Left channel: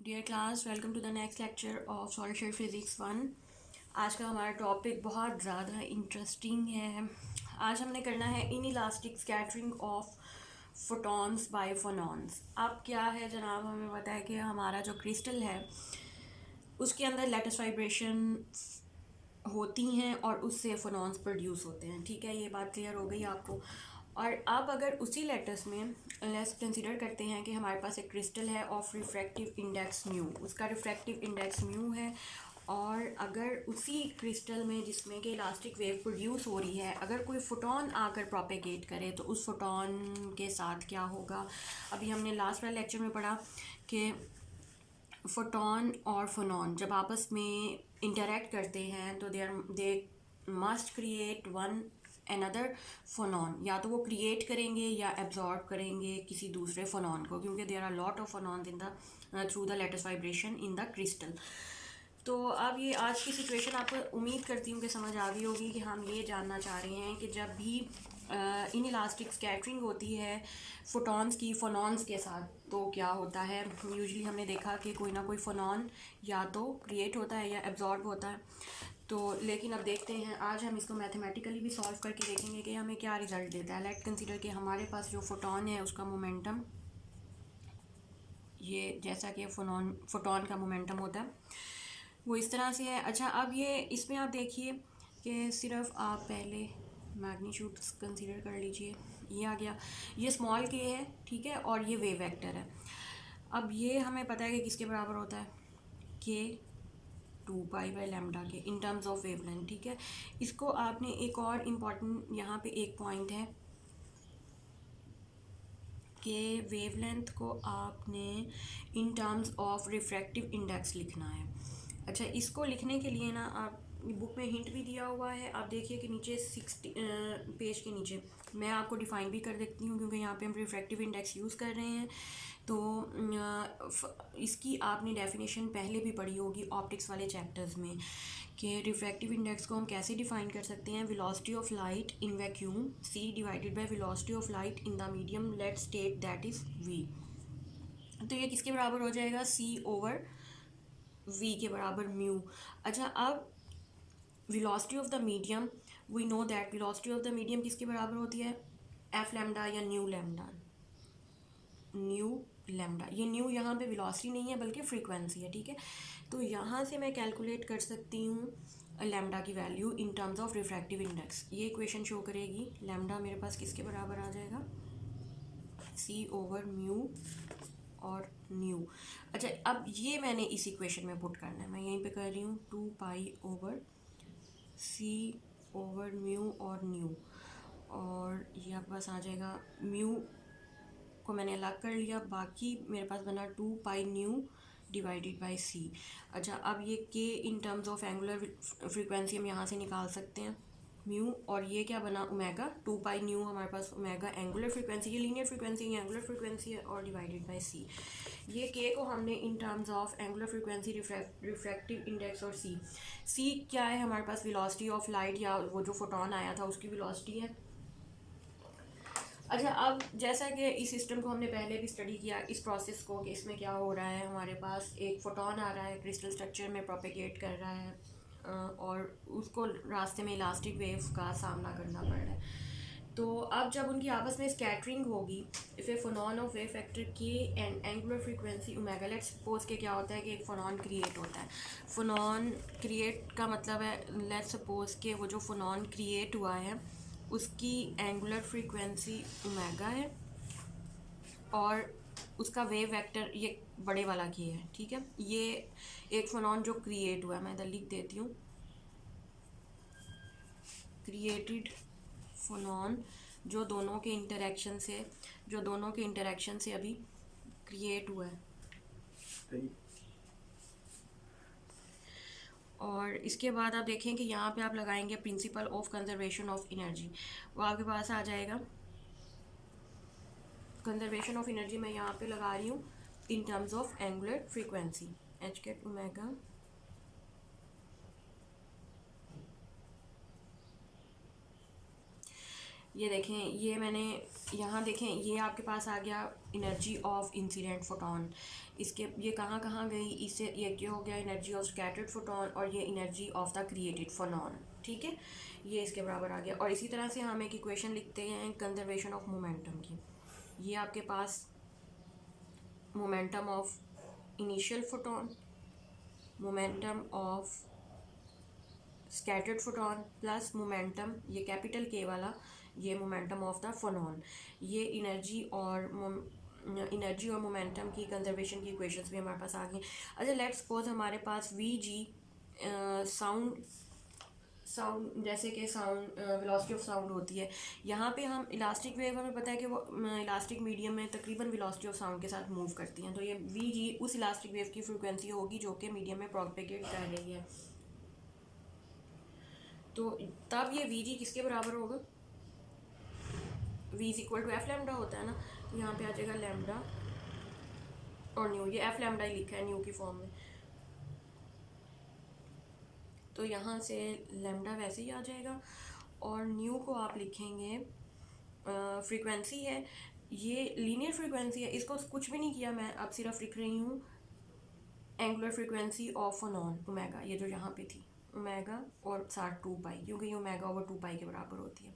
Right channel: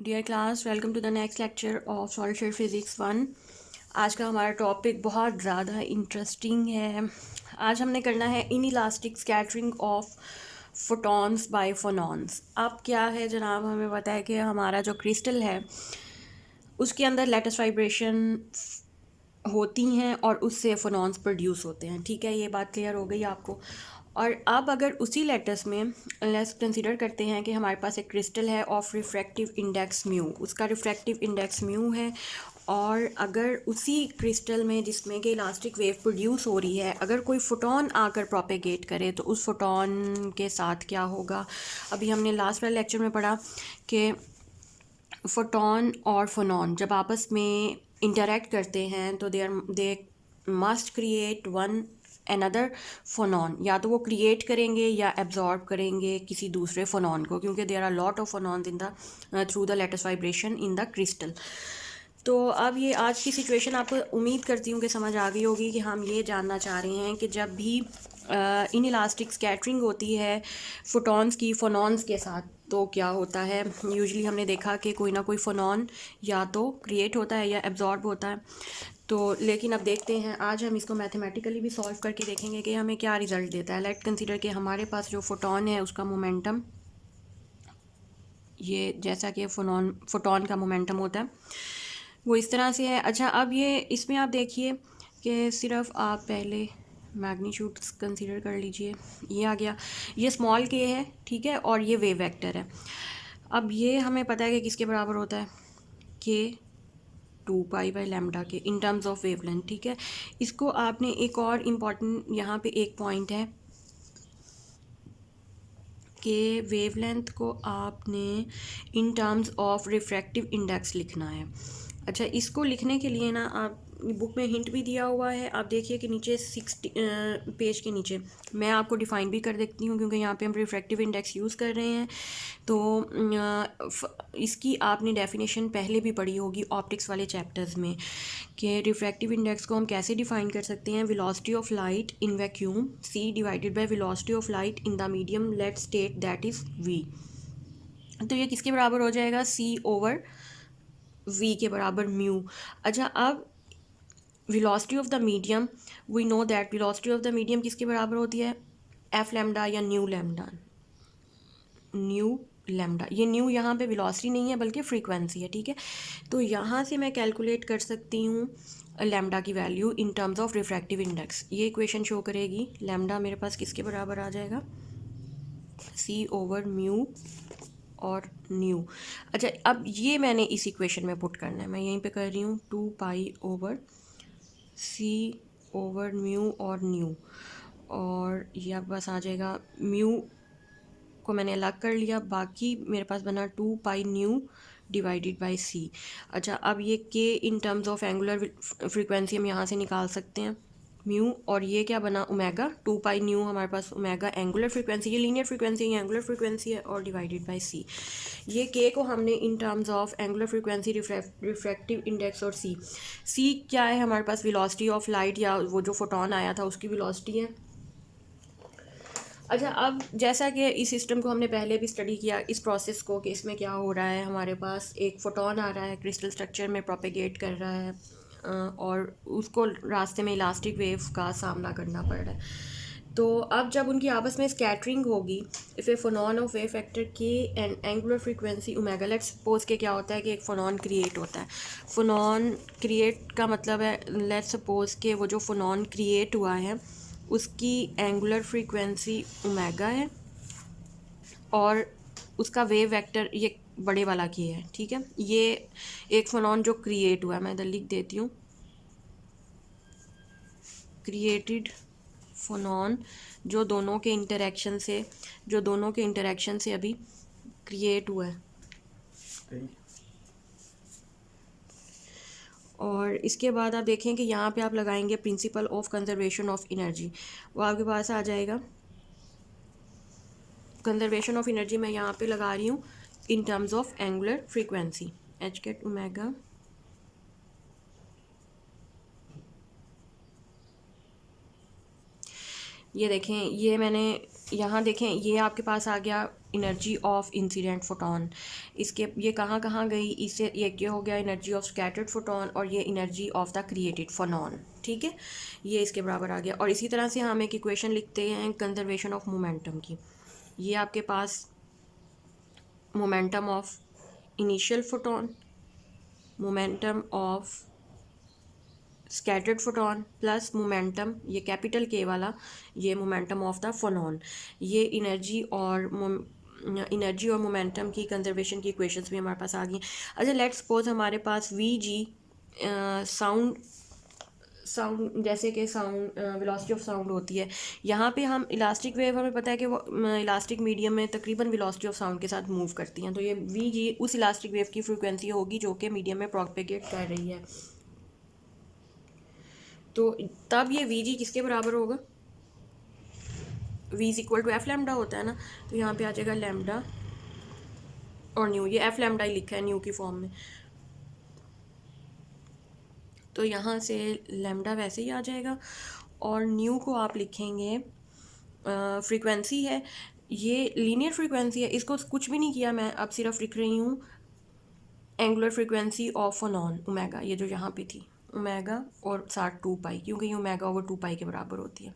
Dear class, welcome to the next lecture of solid state physics 1। आज का हमारा topic बहुत ज़्यादा इंटरेस्टिंग है। आज हमने करना है inelastic scattering of photons by phonons. अब क्या है जनाब, हमें पता है कि हमारा जो क्रिस्टल है उसके अंदर लेटेस्ट वाइब्रेशन होती हैं और उससे फोनॉन्स प्रोड्यूस होते हैं। ठीक है, ये बात क्लियर हो गई आपको। और अब अगर उसी लेटस में लेट्स कंसीडर करते हैं कि हमारे पास एक क्रिस्टल है ऑफ रिफ्रैक्टिव इंडेक्स म्यू, उसका रिफ्रैक्टिव इंडेक्स म्यू है। और अगर उसी क्रिस्टल में जिसमें कि इलास्टिक वेव प्रोड्यूस हो रही है, अगर कोई फोटोन आकर प्रोपेगेट करे तो उस फोटोन के साथ क्या होगा। अभी हमने लास्ट वाले लेक्चर में पढ़ा कि फोटोन और फोनॉन जब आपस में इंटरेक्ट करते हैं तो they must create one another phonon, या तो वो क्रिएट करेंगे या एब्जॉर्ब करेंगे किसी दूसरे फोनॉन को, क्योंकि there are lot of phonons in the through the lattice vibration in the crystal. तो अब ये आज की सिचुएशन आपको उम्मीद करती हूँ कि समझ आ गई होगी कि हम ये जानना चाह रहे हैं कि जब भी इन इलास्टिक स्कैटरिंग होती है फोटॉन्स की फोनॉन्स के साथ तो क्या होता है। यूजुअली हमने देखा कि कोई ना कोई फोनॉन या तो क्रिएट होता है या एब्जॉर्ब होता है। तो लेकिन अब देखते हैं, आज हम इसको मैथमेटिकली भी सॉल्व करके देखेंगे कि हमें क्या रिज़ल्ट देता है। लेट कंसीडर कि हमारे पास जो फोटॉन है उसका मोमेंटम, ये जैसा कि फोटॉन का मोमेंटम होता है वो इस तरह से है। अच्छा, अब ये इसमें आप देखिए कि सिर्फ आप पहले मैग्नीट्यूड कंसीडर कर लीजिए। ये आ गया, ये स्मॉल के है, ठीक है, और ये वेव वेक्टर है। अब ये हमें पता है कि किसके बराबर होता है, के 2 पाई/लैम्डा के इन टर्म्स ऑफ वेवलेंथ। ठीक है, इसको आपने एक और इम्पॉर्टेंट यहाँ पे एक पॉइंट है कि वेवलेंथ को आपने इन टर्म्स ऑफ रिफ्रैक्टिव इंडेक्स लिखना है। अच्छा, इसको लिखने के लिए ना आप बुक में हिंट भी दिया हुआ है, आप देखिए कि नीचे 60 पेज के नीचे मैं आपको डिफ़ाइन भी कर देती हूँ, क्योंकि यहाँ पे हम रिफ्रैक्टिव इंडेक्स यूज़ कर रहे हैं। तो इसकी आपने डेफिनेशन पहले भी पढ़ी होगी ऑप्टिक्स वाले चैप्टर्स में कि रिफ्रैक्टिव इंडेक्स को हम कैसे डिफ़ाइन कर सकते हैं। Velocity of light in vacuum c divided by velocity of light in the medium, let state that is v। तो ये किसके बराबर हो जाएगा, c/v के बराबर म्यू। अच्छा, अब velocity of the medium, we know that velocity of the medium किसके बराबर होती है, एफ लैम्डा या न्यू लैम्डा। न्यू लैम्डा, ये न्यू यहाँ पे वेलोसिटी नहीं है बल्कि फ्रीक्वेंसी है। ठीक है, तो यहाँ से मैं कैलकुलेट कर सकती हूँ लैम्डा की value in terms of refractive index. ये इक्वेशन शो करेगी लैम्डा मेरे पास किसके बराबर आ जाएगा, c/म्यू और न्यू। अच्छा, अब ये मैंने इस इक्वेशन में पुट करना है, मैं यहीं पे कर रही हूँ 2 पाई/c/म्यू और न्यू। और ये आपके पास आ जाएगा, म्यू को मैंने अलग कर लिया, बाकी मेरे पास बना 2 पाई/न्यू डिवाइडेड बाई सी। अच्छा, अब ये के इन टर्म्स ऑफ एंगुलर फ्रीक्वेंसी हम यहाँ से निकाल सकते हैं म्यू, और ये क्या बना ओमेगा, 2 पाई/न्यू हमारे पास ओमेगा एंगुलर फ्रीक्वेंसी, ये लीनियर फ्रीक्वेंसी है, ये एंगुलर फ्रीक्वेंसी है, और डिवाइडेड बाई सी। ये के को हमने इन terms of angular frequency, refractive index और सी क्या है हमारे पास, वेलोसिटी ऑफ लाइट या वो जो फोटोन आया था उसकी वेलोसिटी है। अच्छा, अब जैसा कि इस सिस्टम को हमने पहले भी स्टडी किया, इस प्रोसेस को कि इसमें क्या हो रहा है, हमारे पास एक फोटोन आ रहा है क्रिस्टल स्ट्रक्चर में प्रोपेगेट कर रहा है, और उसको रास्ते में इलास्टिक वेव का सामना करना पड़ रहा है। तो अब जब उनकी आपस में स्कैटरिंग होगी, if a phonon of wave factor K and angular frequency omega, let's suppose के क्या होता है कि एक फोनॉन क्रिएट होता है। फोनॉन क्रिएट का मतलब है, लेट्स सपोज के वो जो फोनॉन क्रिएट हुआ है उसकी एंगुलर फ्रीक्वेंसी ओमेगा है और उसका वेव वेक्टर ये बड़े वाला की है। ठीक है, ये एक फोनॉन जो क्रिएट हुआ है, मैं इधर लिख देती हूँ, क्रिएटेड फोनॉन जो दोनों के इंटरेक्शन से अभी क्रिएट हुआ है। और इसके बाद आप देखें कि यहाँ पे आप लगाएंगे principle of conservation of energy, वो आपके पास आ जाएगा। कंजर्वेशन ऑफ एनर्जी मैं यहाँ पे लगा रही हूँ in terms of angular frequency, H cut omega ये देखें, ये मैंने यहाँ देखें, ये आपके पास आ गया एनर्जी ऑफ इंसिडेंट फोटोन। इसके ये कहाँ कहाँ गई, इससे ये हो गया एनर्जी ऑफ स्कैटर्ड फोटोन, और ये एनर्जी ऑफ द क्रिएटेड फोनॉन। ठीक है, ये इसके बराबर आ गया। और इसी तरह से हम एक इक्वेशन लिखते हैं कंजर्वेशन ऑफ मोमेंटम की। ये आपके पास momentum of initial photon, momentum of scattered photon plus momentum, ये कैपिटल के वाला, ये मोमेंटम ऑफ द फोनॉन। ये एनर्जी और मोमेंटम की कंजर्वेशन की इक्वेशंस भी हमारे पास आ गई। अच्छा, लेट्स सपोज हमारे पास वी जी साउंड जैसे कि साउंड वेलोसिटी ऑफ साउंड होती है। यहाँ पे हम इलास्टिक वेव, हमें पता है कि वो इलास्टिक मीडियम में तकरीबन वेलोसिटी ऑफ साउंड के साथ मूव करती हैं। तो ये वी जी उस इलास्टिक वेव की फ्रिक्वेंसी होगी जो कि मीडियम में प्रोपेगेट कर रही है। तो तब ये वी जी किसके बराबर होगा, V is equal to F lambda होता है ना। तो यहाँ पे आ जाएगा लैम्डा और न्यू, ये एफ लैम्डा ही लिखा है न्यू की फॉर्म में। तो यहाँ से लैम्डा वैसे ही आ जाएगा, और न्यू को आप लिखेंगे फ्रीक्वेंसी है, ये लीनियर फ्रीक्वेंसी है, इसको कुछ भी नहीं किया मैं, अब सिर्फ लिख रही हूँ angular frequency of non omega, ये जो यहाँ पे थी ओमेगा और साथ 2 पाई, क्योंकि ये ओमेगा ओवर 2 पाई के बराबर होती है।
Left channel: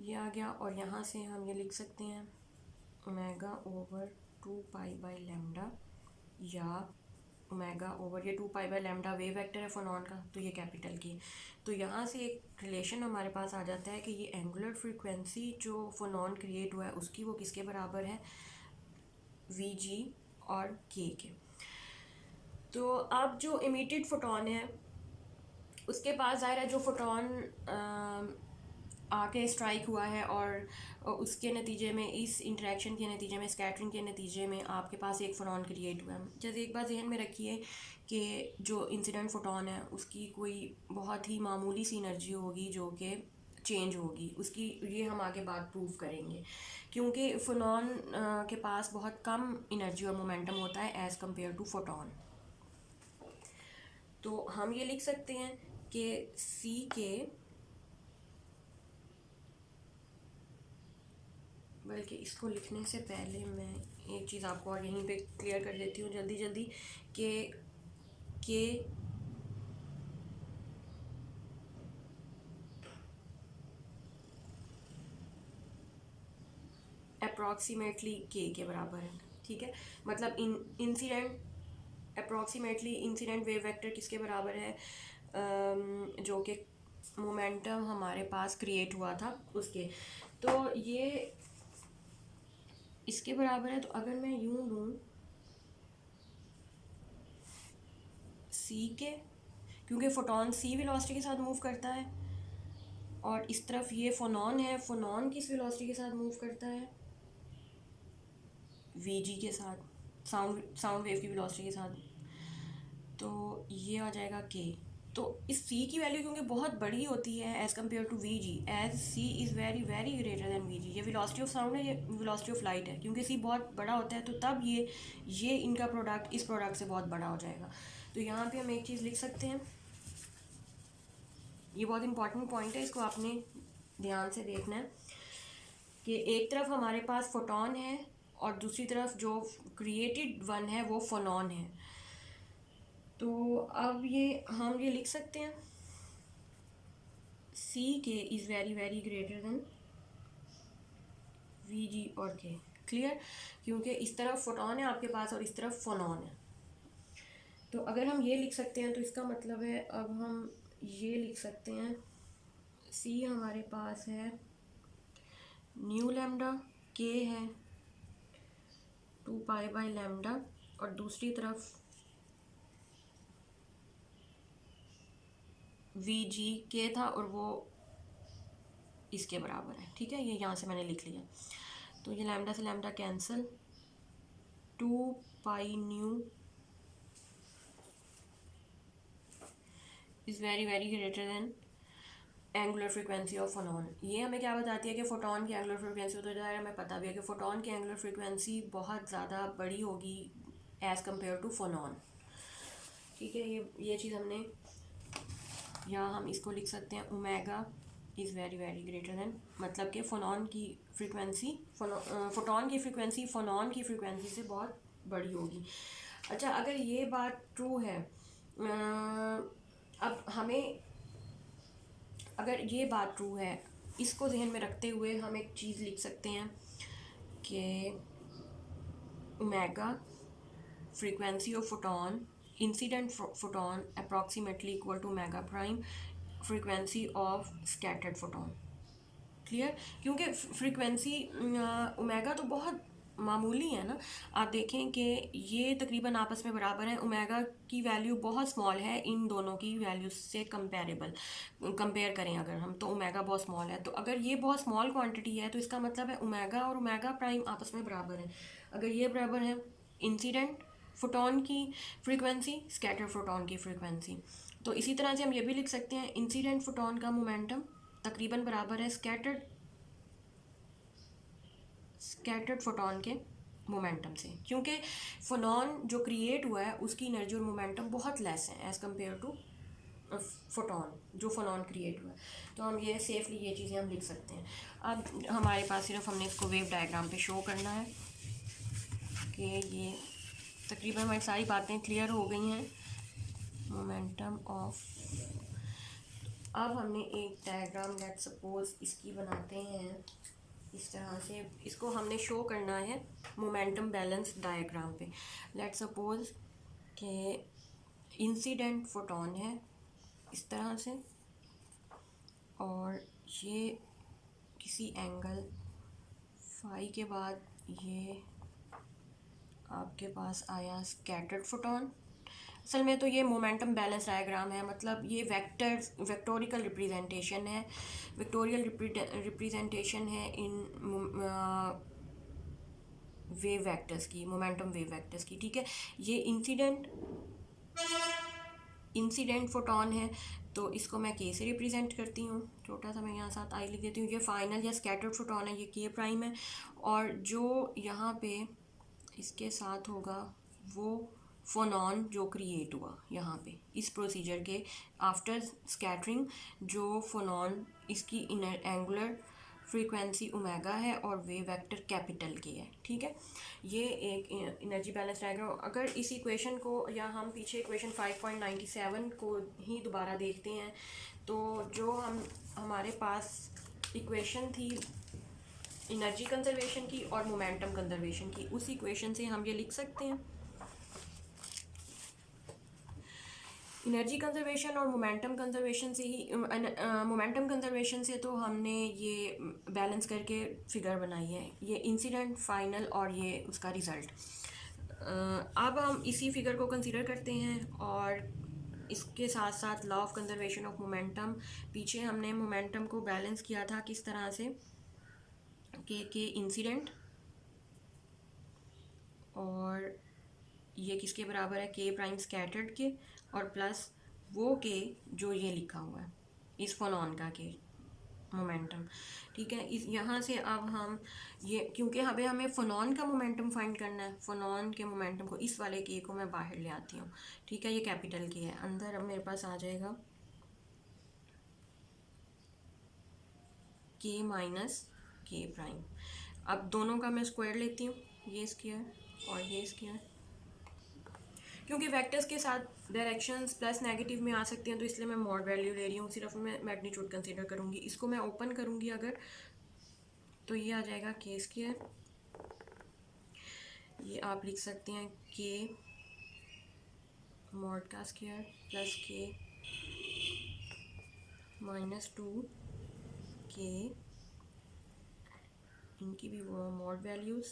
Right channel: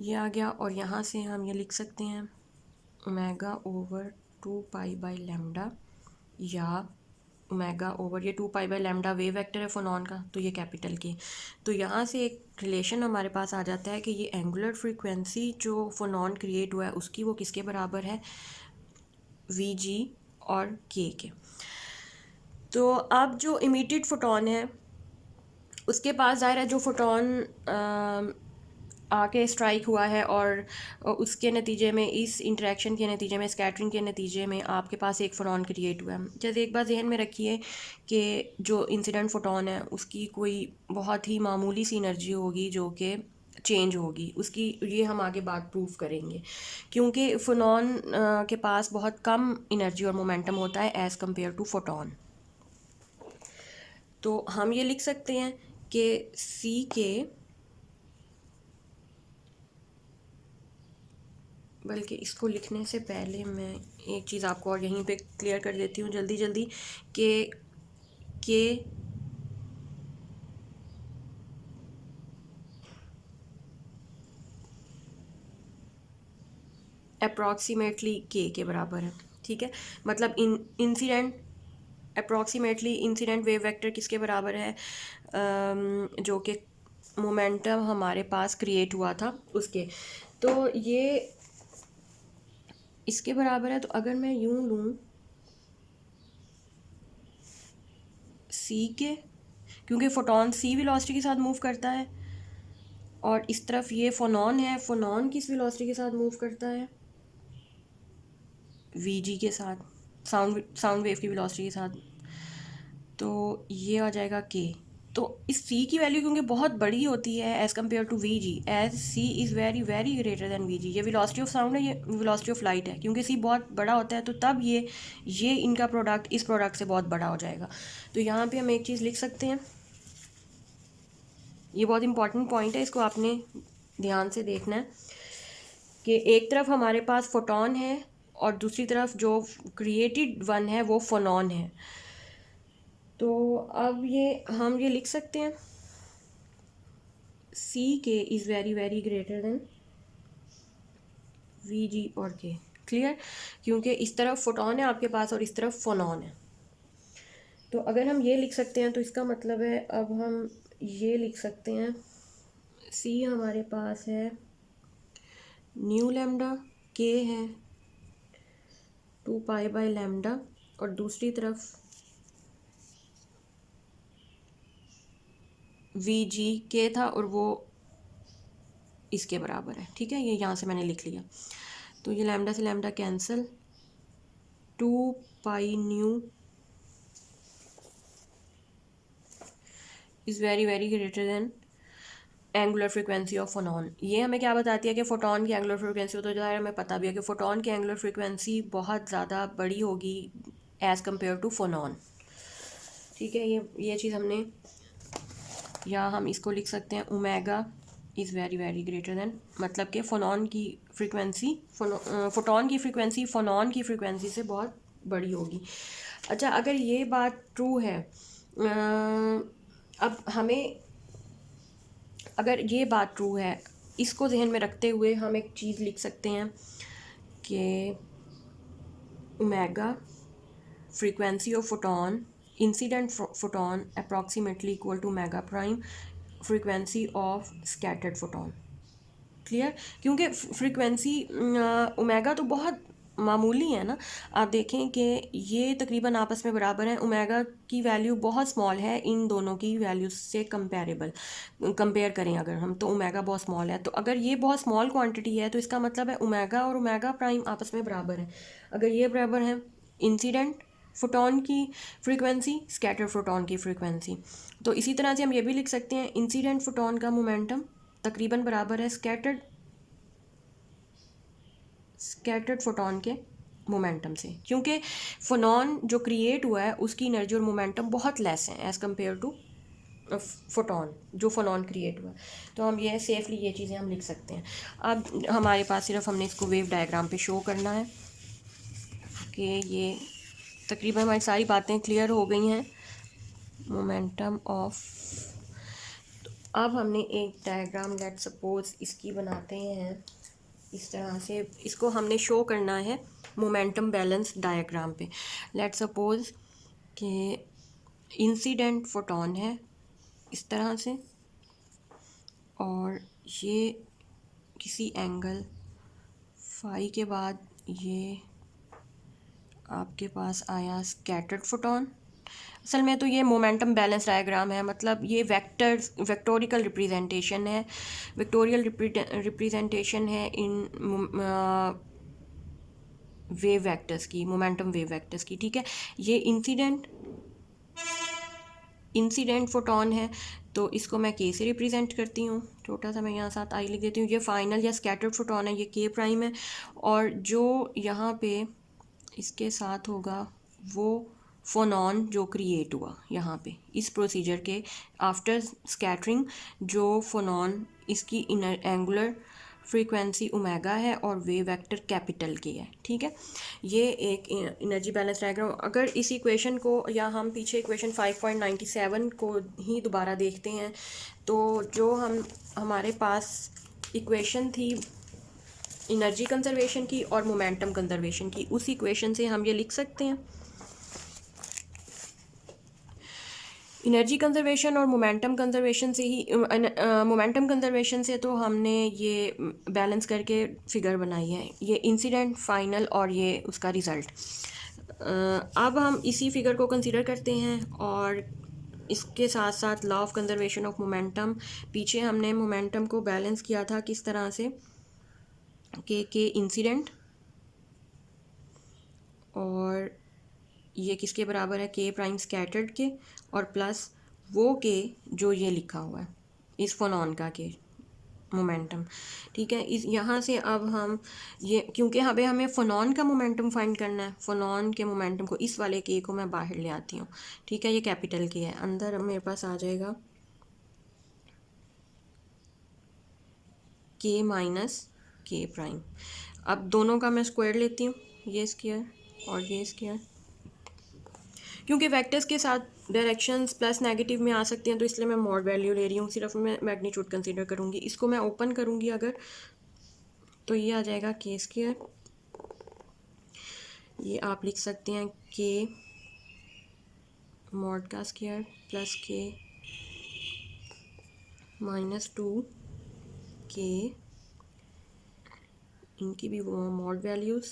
ये आ गया, और यहाँ से हम ये लिख सकते हैं omega over 2 pi by lambda, या ओमेगा ओवर ये 2 pi by lambda wave vector है फोनॉन का, तो ये कैपिटल के। तो यहाँ से एक रिलेशन हमारे पास आ जाता है कि ये एंगुलर फ्रीक्वेंसी जो फोनॉन क्रिएट हुआ है उसकी वो किसके बराबर है, वी जी और के के। तो अब जो इमिटेड फोटोन है उसके पास ज़ाहिर है जो फोटोन आके स्ट्राइक हुआ है, और उसके नतीजे में, इस इंटरेक्शन के नतीजे में, स्कैटरिंग के नतीजे में आपके पास एक फोटोन क्रिएट हुआ है। जैसे एक बार जहन में रखिए कि जो इंसिडेंट फोटोन है उसकी कोई बहुत ही मामूली सी एनर्जी होगी जो कि चेंज होगी उसकी, ये हम आगे बात प्रूव करेंगे, क्योंकि फोटोन के पास बहुत कम एनर्जी और मोमेंटम होता है एज़ कम्पेयर टू फोटोन। तो हम ये लिख सकते हैं कि सी के, बल्कि इसको लिखने से पहले मैं एक चीज़ आपको और यहीं पे क्लियर कर देती हूँ जल्दी जल्दी कि अप्रॉक्सीमेटली के बराबर है। ठीक है, मतलब incident approximately incident wave vector किसके बराबर है, जो कि मोमेंटम हमारे पास क्रिएट हुआ था उसके। तो ये इसके बराबर है। तो अगर मैं यूं लूँ सी के, क्योंकि फोटोन सी वेलोसिटी के साथ मूव करता है, और इस तरफ ये फोनॉन है, फोनॉन किस वेलोसिटी के साथ मूव करता है, वी जी के साथ, साउंड वेव की वेलोसिटी के साथ। तो ये आ जाएगा के। तो इस सी की वैल्यू क्योंकि बहुत बड़ी होती है as compare to V G, as C is very very greater than V G, ये वेलोसिटी ऑफ साउंड है, ये वेलोसिटी ऑफ लाइट है, क्योंकि सी बहुत बड़ा होता है तो तब ये इनका प्रोडक्ट इस प्रोडक्ट से बहुत बड़ा हो जाएगा। तो यहाँ पे हम एक चीज़ लिख सकते हैं, ये बहुत इंपॉर्टेंट पॉइंट है, इसको आपने ध्यान से देखना है कि एक तरफ हमारे पास फोटोन है और दूसरी तरफ जो क्रिएटेड वन है वो फोनॉन है। तो अब हम ये लिख सकते हैं सी के is very very greater than we जी और के। क्लियर, क्योंकि इस तरफ फोटोन है आपके पास और इस तरफ फोनॉन है। तो अगर हम ये लिख सकते हैं तो इसका मतलब है, अब हम ये लिख सकते हैं सी हमारे पास है न्यू लैम्डा, के है 2 पाई बाई लैम्डा, और दूसरी तरफ वी जी के था और वो इसके बराबर है। ठीक है, ये यहाँ से मैंने लिख लिया। तो ये लैम्डा से lambda cancel, 2 pi nu is very very greater than angular frequency of photon. ये हमें क्या बताती है कि फ़ोटोन की एंगुलर फ्रीक्वेंसी, तो ज़ाहिर हमें पता भी है कि फ़ोटोन की एंगुलर फ्रीक्वेंसी बहुत ज़्यादा बड़ी होगी एज़ कम्पेयर टू फोनॉन। ठीक है, ये चीज़ हमने, या हम इसको लिख सकते हैं omega is very very greater than, मतलब कि फोटॉन की फ्रीक्वेंसी फोनॉन की फ्रीक्वेंसी से बहुत बड़ी होगी। अच्छा, अगर ये बात ट्रू है, अब हमें, अगर ये बात ट्रू है, इसको जहन में रखते हुए हम एक चीज़ लिख सकते हैं कि omega frequency of photon, incident photon approximately equal to omega prime frequency of scattered photon। Clear? क्योंकि फ्रीक्वेंसी ओमेगा तो बहुत मामूली है ना। आप देखें कि ये तकरीबन आपस में बराबर हैं। ओमेगा की वैल्यू बहुत स्मॉल है इन दोनों की वैल्यू से कंपेयर करें अगर हम, तो ओमेगा बहुत स्मॉल है। तो अगर ये बहुत स्मॉल क्वांटिटी है तो इसका मतलब है ओमेगा और ओमेगा प्राइम आपस में बराबर हैं। अगर ये बराबर हैं, इंसिडेंट फोटॉन की फ्रीक्वेंसी स्कैटर फोटॉन की फ्रीक्वेंसी, तो इसी तरह से हम ये भी लिख सकते हैं इंसिडेंट फोटॉन का मोमेंटम तकरीबन बराबर है स्कैटर्ड फोटॉन के मोमेंटम से, क्योंकि फोनॉन जो क्रिएट हुआ है उसकी एनर्जी और मोमेंटम बहुत लेस है एज़ कम्पेयर टू फोटॉन जो फोनॉन क्रिएट हुआ। तो हम ये सेफली ये चीज़ें हम लिख सकते हैं। अब हमारे पास सिर्फ हमने इसको वेव डायग्राम पे शो करना है कि ये तकरीबन हमारी सारी बातें क्लियर हो गई हैं। मोमेंटम ऑफ, अब हमने एक डायग्राम लेट सपोज इसकी बनाते हैं इस तरह से। इसको हमने शो करना है मोमेंटम बैलेंस डायग्राम पे। लेट सपोज कि इंसिडेंट फोटॉन है इस तरह से, और ये किसी एंगल फाई के बाद ये आपके पास आया स्कैटर्ड फोटॉन। असल में तो ये मोमेंटम बैलेंस डायग्राम है, मतलब ये वेक्टोरिकल रिप्रेजेंटेशन है, रिप्रेजेंटेशन है इन वेव वेक्टर्स की, मोमेंटम वेव वेक्टर्स की। ठीक है, ये इंसिडेंट फोटॉन है, तो इसको मैं के से रिप्रेजेंट करती हूँ। छोटा सा मैं यहाँ साथ आई लिख देती हूँ। ये फाइनल या स्कैटर्ड फोटॉन है, ये के प्राइम है, और जो यहाँ पे इसके साथ होगा वो फोनॉन जो क्रिएट हुआ यहाँ पे इस प्रोसीजर के आफ्टर स्कैटरिंग, जो फोनॉन इसकी इनर एंगुलर फ्रीक्वेंसी ओमेगा है और वेव वेक्टर कैपिटल के है। ठीक है, ये एक एनर्जी बैलेंस डायग्राम। अगर इस इक्वेशन को, या हम पीछे इक्वेशन 5.97 को ही दोबारा देखते हैं, तो जो हमारे पास इक्वेशन थी एनर्जी कंजर्वेशन की और मोमेंटम कंजर्वेशन की, उस इक्वेशन से हम ये लिख सकते हैं। एनर्जी कंजर्वेशन और मोमेंटम कंजर्वेशन से ही, मोमेंटम कंजर्वेशन से तो हमने ये बैलेंस करके फिगर बनाई है, ये इंसिडेंट फाइनल और ये उसका रिज़ल्ट। अब हम इसी फिगर को कंसीडर करते हैं, और इसके साथ साथ law of conservation of momentum, पीछे हमने मोमेंटम को बैलेंस किया था किस तरह से के इंसिडेंट, और ये किसके बराबर है, के प्राइम स्कैटर्ड के, और प्लस वो के जो ये लिखा हुआ है इस फोनॉन का के मोमेंटम। ठीक है, इस यहाँ से अब हम ये, क्योंकि हमें फोनॉन का मोमेंटम फाइंड करना है, फोनॉन के मोमेंटम को, इस वाले के को मैं बाहर ले आती हूँ। ठीक है, ये कैपिटल के है, अंदर मेरे पास आ जाएगा के माइनस के प्राइम। अब दोनों का मैं स्क्वायर लेती हूँ, ये स्क्वायर और ये स्क्वायर, क्योंकि वेक्टर्स के साथ डायरेक्शंस प्लस नेगेटिव में आ सकती हैं, तो इसलिए मैं मॉड वैल्यू ले रही हूँ, सिर्फ मैं मैग्नीट्यूड कंसीडर करूँगी। इसको मैं ओपन करूँगी अगर, तो ये आ जाएगा के स्क्वायर, ये आप लिख सकते हैं के मॉड का स्क्वायर प्लस के माइनस 2 के, इनकी भी मॉड वैल्यूज़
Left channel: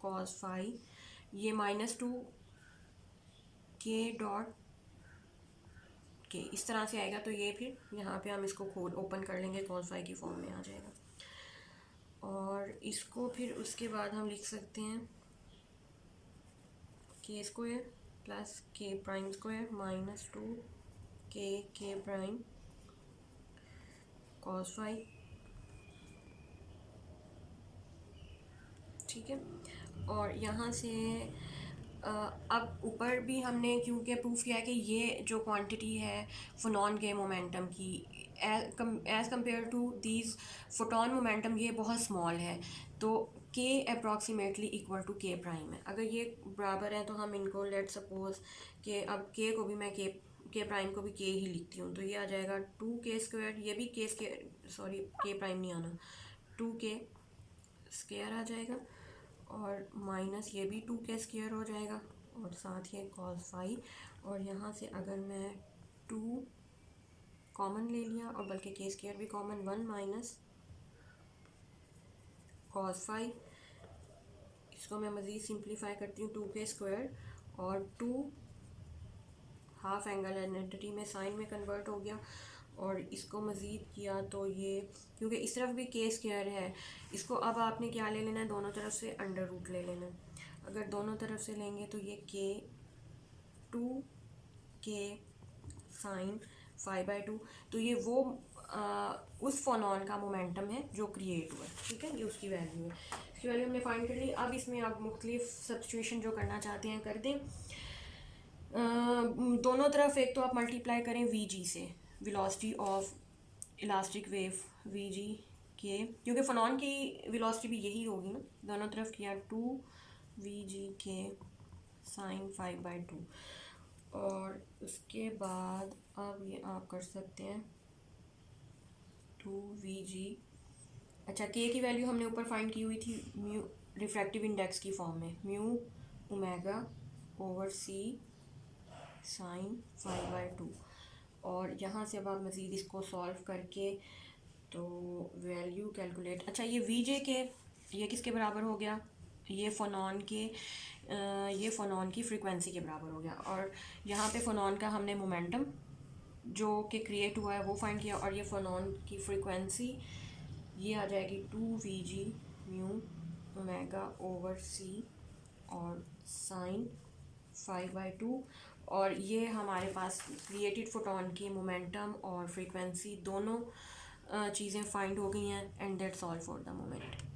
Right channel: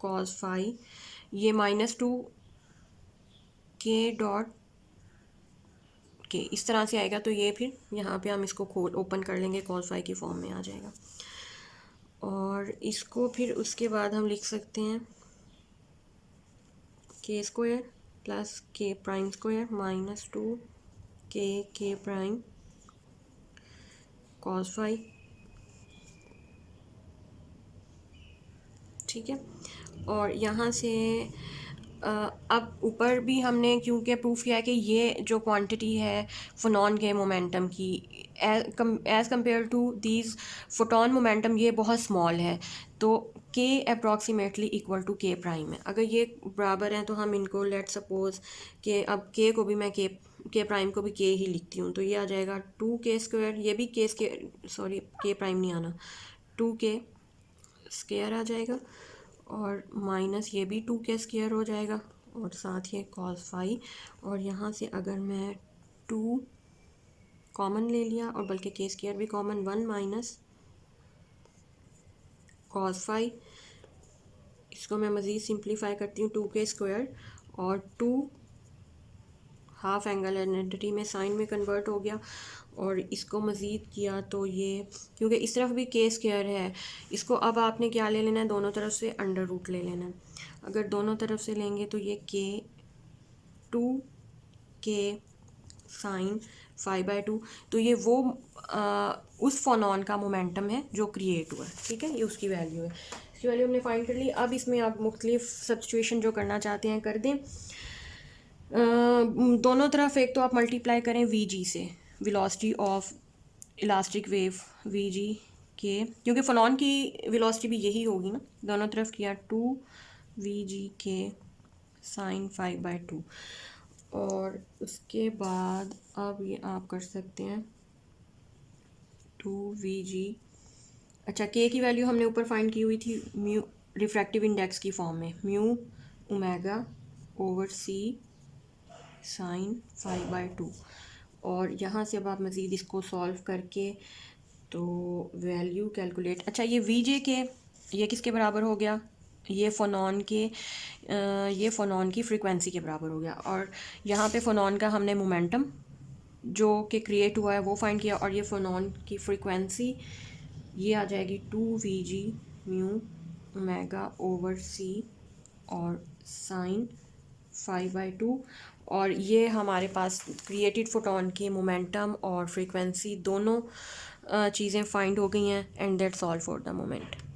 कॉस फाई, ये -2 के डॉट के, इस तरह से आएगा। तो ये फिर यहाँ पे हम इसको ओपन कर लेंगे, कॉस फाई की फॉर्म में आ जाएगा। और इसको फिर उसके बाद हम लिख सकते हैं के स्क्वायर प्लस के प्राइम स्क्वायर -2 के प्राइम कॉस फाई। ठीक है, और यहाँ से अब ऊपर भी हमने क्योंकि प्रूफ किया है कि ये जो क्वांटिटी है फोनॉन के मोमेंटम की as compare to these photon momentum ये बहुत स्मॉल है, तो K approximately equal to K prime है। अगर ये बराबर हैं तो हम इनको लेट सपोज कि अब के को भी मैं के प्राइम को भी के ही लिखती हूँ, तो ये आ जाएगा 2k², ये भी के स्क्वायर, सॉरी के प्राइम नहीं आना, 2k² आ जाएगा, और माइनस ये भी 2k² हो जाएगा, और साथ ही cos फाई, और यहाँ से अगर मैं 2 कॉमन ले लिया, और बल्कि k² भी कॉमन, 1 माइनस cos फाई, इसको मैं मज़ीद सिंप्लीफाई करती हूँ, 2k² और 2 हाफ एंगल आइडेंटिटी में साइन में कन्वर्ट हो गया, और इसको मज़ीद किया तो ये, क्योंकि इस तरफ भी k² है, इसको अब आपने क्या ले लेना है, दोनों तरफ से अंडर रूट ले लेना है। अगर दोनों तरफ से लेंगे तो ये 2k साइन 5/2, तो ये वो उस फोनॉन का मोमेंटम है जो क्रिएट हुआ है, ठीक है, ये उसकी वैल्यू है। इसकी वैल्यू हमने फाइंड कर ली। अब इसमें आप मुख्तलिफ सब्स्टिट्यूशन जो करना चाहते हैं कर दें। दोनों तरफ एक तो आप मल्टीप्लाई करें vg से, velocity of elastic wave vg के, क्योंकि फोनॉन की वेलोसिटी भी यही होगी ना, दोनों तरफ किया 2vg के साइन 5/2, और उसके बाद अब ये आप कर सकते हैं 2vg, अच्छा के की वैल्यू हमने ऊपर फाइंड की हुई थी म्यू रिफ्रैक्टिव इंडेक्स की फॉर्म में, म्यू ओमेगा ओवर सी साइन 5/2, और यहाँ से अब आप मज़ीद इसको सॉल्व करके तो वैल्यू कैलकुलेट, अच्छा ये वीजे के ये किसके बराबर हो गया, ये फ़ोनॉन के ये फ़ोनॉन की फ्रीक्वेंसी के बराबर हो गया, और यहाँ पे फ़ोनॉन का हमने मोमेंटम जो कि क्रिएट हुआ है वो फाइंड किया, और ये फ़ोनॉन की फ्रीक्वेंसी ये आ जाएगी 2vg म्यू ओमेगा ओवर सी और साइन 5/2, और ये हमारे पास क्रिएटेड फोटोन की मोमेंटम और फ्रीक्वेंसी दोनों चीज़ें फाइंड हो गई हैं, and that's all for the moment.